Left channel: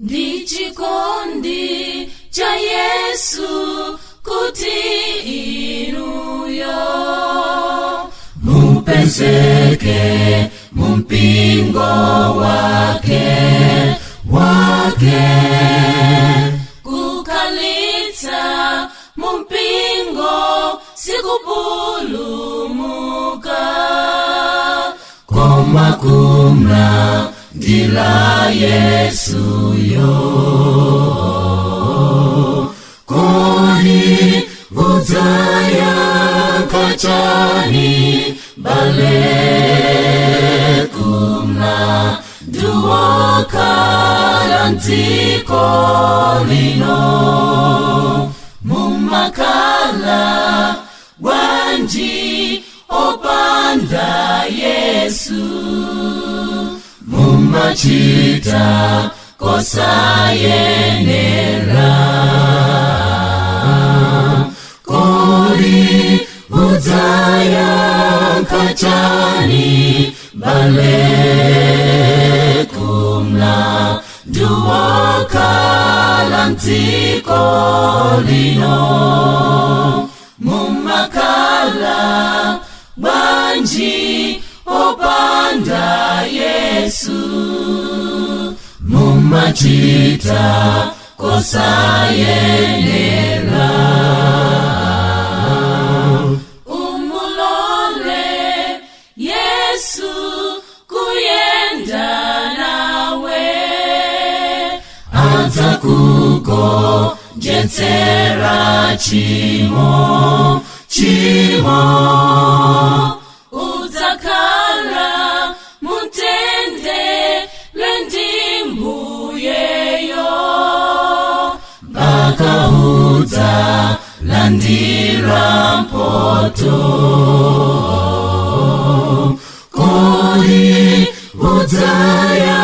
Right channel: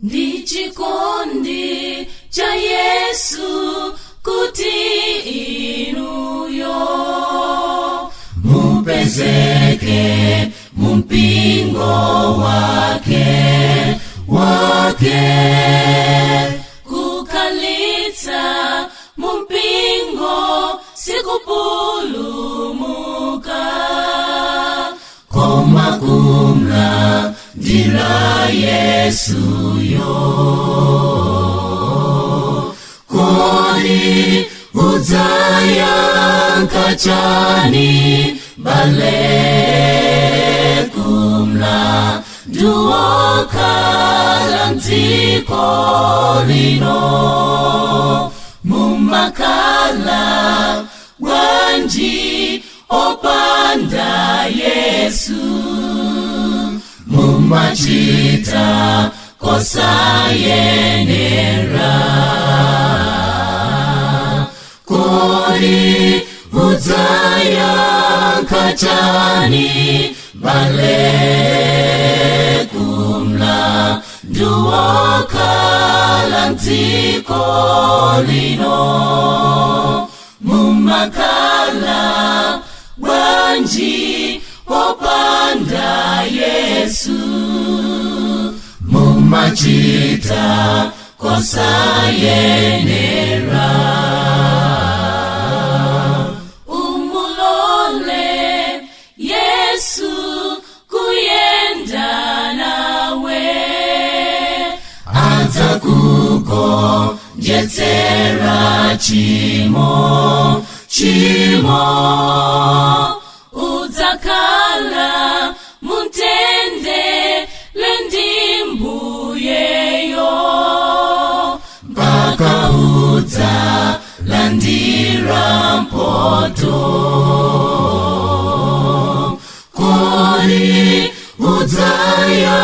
Ndichikondi cha Yesu kuti inuyo mupezeke mumpingo wake kukalitsa mumpingo sikupulumuka koma kumla ndila Yesu yo kodi udzaya kachani bale kumla duokala ndziko lino mumakala wanji opanda Yesu mumachita kosayenera kodi udzaya kachani bale kumla duokala ndziko lino mumakala wanji opanda Yesu mumachita kosayenera umulole Yesu kuyenda nawe adzakuko jetsera chimo udzakala muntende lendimbuyeyo mpaka udza landira mpoto kodi udzaya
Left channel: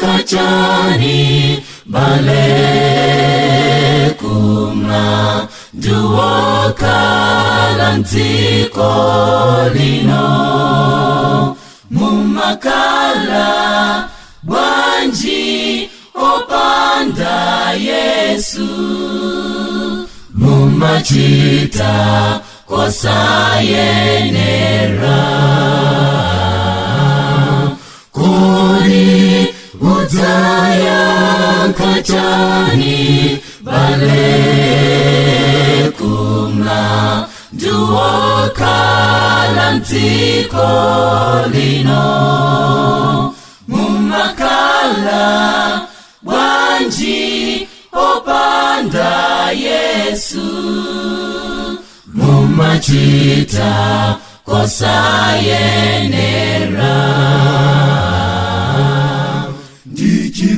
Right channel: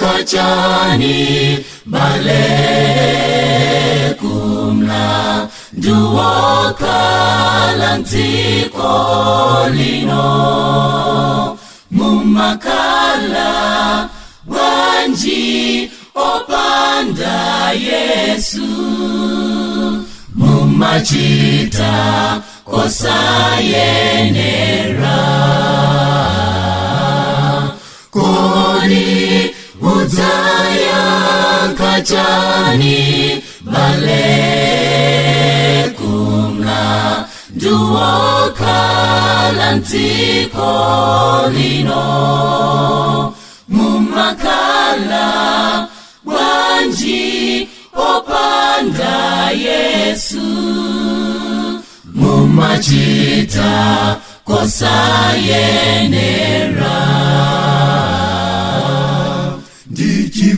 kachani bale kumla duokala ndziko lino mumakala wanji opanda Yesu mumachita kosayenera kodi udzaya kachani bale kumla duokala ndziko lino mumakala wanji opanda Yesu mumachita kosayenera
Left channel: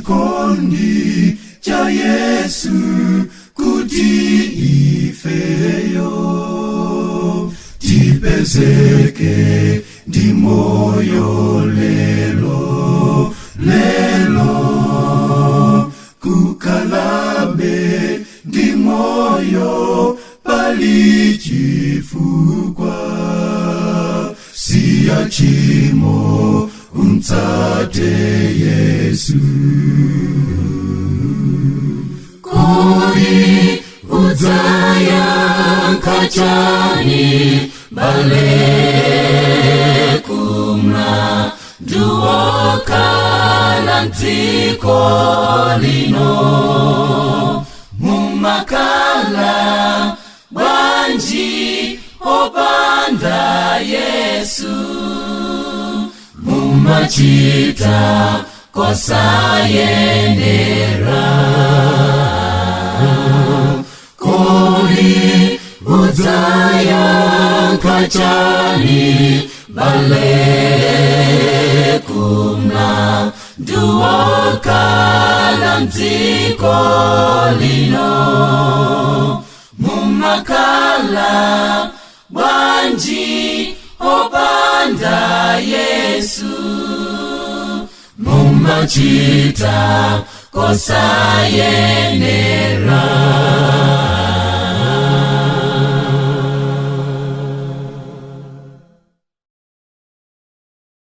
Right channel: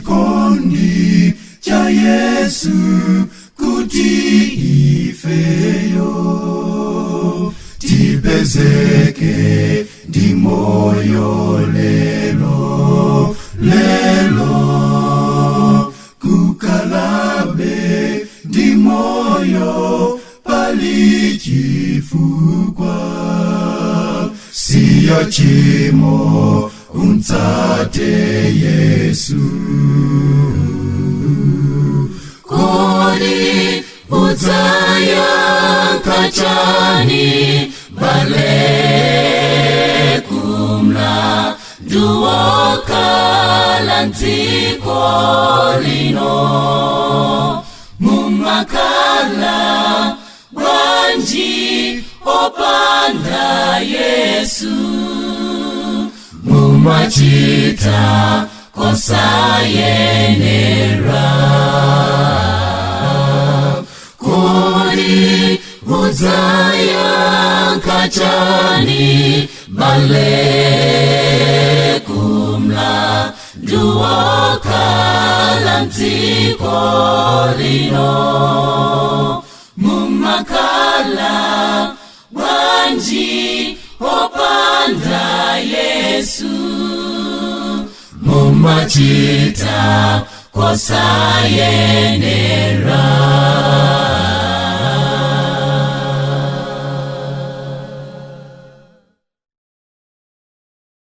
ndichikondi cha Yesu kuti ifeyo tipezeke ndi moyo lelo kukalabe ndi moyo palichifukwa siya chimo umtsate Yesu kodi udzaya kachani bale kumla duokala ndziko lino mumakala wanji opanda Yesu mumachita kosayenera kodi udzaya kachani bale kumla duokala ndziko lino mumakala wanji opanda Yesu mumachita kosayenera